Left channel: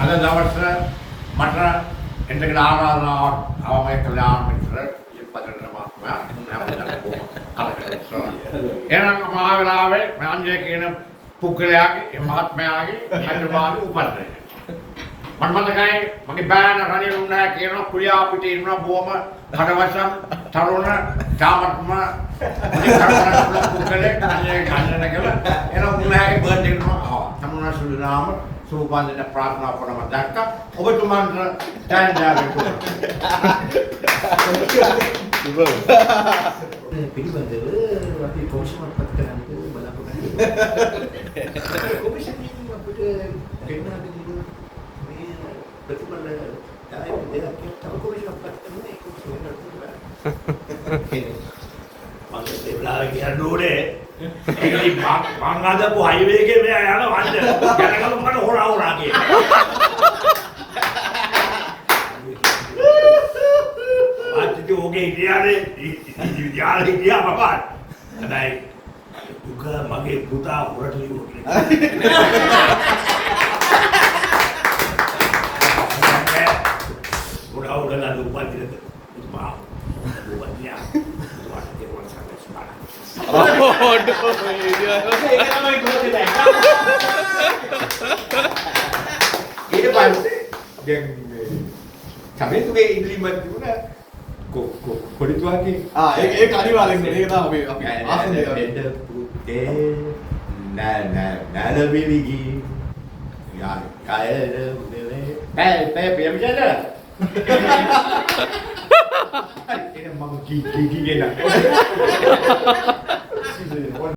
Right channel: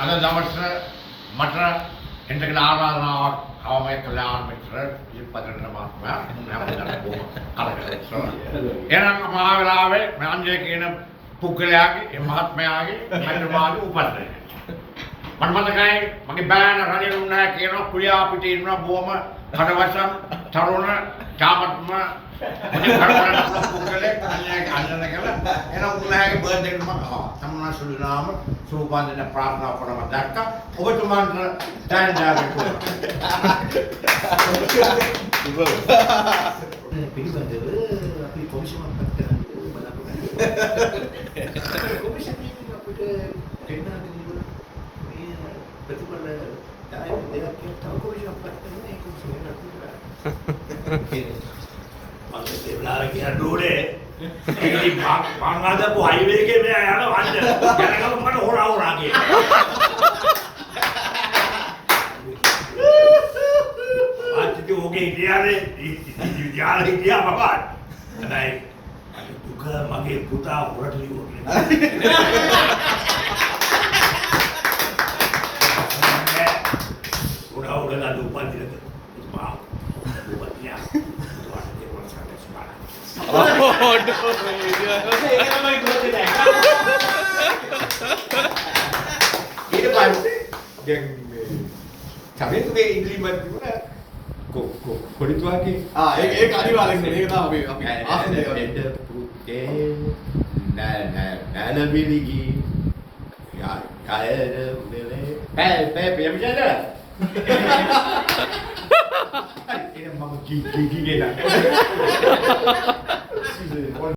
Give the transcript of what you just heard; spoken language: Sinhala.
අද දවසේ මට එන්නගෙන ආරාධනාවක් අවමයි කල්‍යාණ මිත්‍ර ඉල්පතන මහත්මයා නැවතත් බොහොම කලකිරීමක්. එනම් මහාවිලාවේ මංජේ කියන පුද්ගලයාගේ ඒ මහත්මයාගේ අනිවාර්ය උපන්දිනය. මම මතකයි මගේ බෑන රණේ උන්නා කියන කුලියා පිටේ ඉන්න බොහොම කඩවසම් තරුණ ජාමත්ම මුලින් කරපුණා පුද්ගලයෙක් අන්නේ කන්නන කියලා එන උන්නාගේ බර්ත්ඩේ එක මම ආවා. තමුනා සුළුනාම සෝපාන්දන ප්‍රාර්ථනා කරනවා දැක්කා. ඔබතුමාන්ට දැන් දාගෙන පිළිබඳව අපි කොමිෂන් පත් කරන්න බලාපොරොත්තු වෙනවා. කොමිෂන් එකකින් අපිට දෙන්නා දෙන්නේ මේ ප්‍රතිඵල තමයි දෙයක් තව කොමිෂන් පත් කරන එක මගේ දෙවලා කියන්නේ ඒකයි මංගාදපු හයිවේ එකේ මෙයා යන වන්ද යනකම් මට හොරා කියලා. ආච්චි ඔගේ ඉතියානේ ඉතියාලා ඉතියා බබා. හැබැයි දුක මගේ පුතා හොරට ලියුවා කියලා. හොරා හොරලා දුපන්තිරද මා දුපන්තියා ඊට පස්සේ දැන් කමෙන්ටුවේ ඉංග්‍රීසියෙන් තිබුණා කොඩිතුවාගේ ඒක අනිවාර්යෙන්ම ඒක තමයි අපි ආසන්න එන්න පුතේ නලවිවිගි යා කයර උදේ පෑ පියමිජද මම කි ගෙන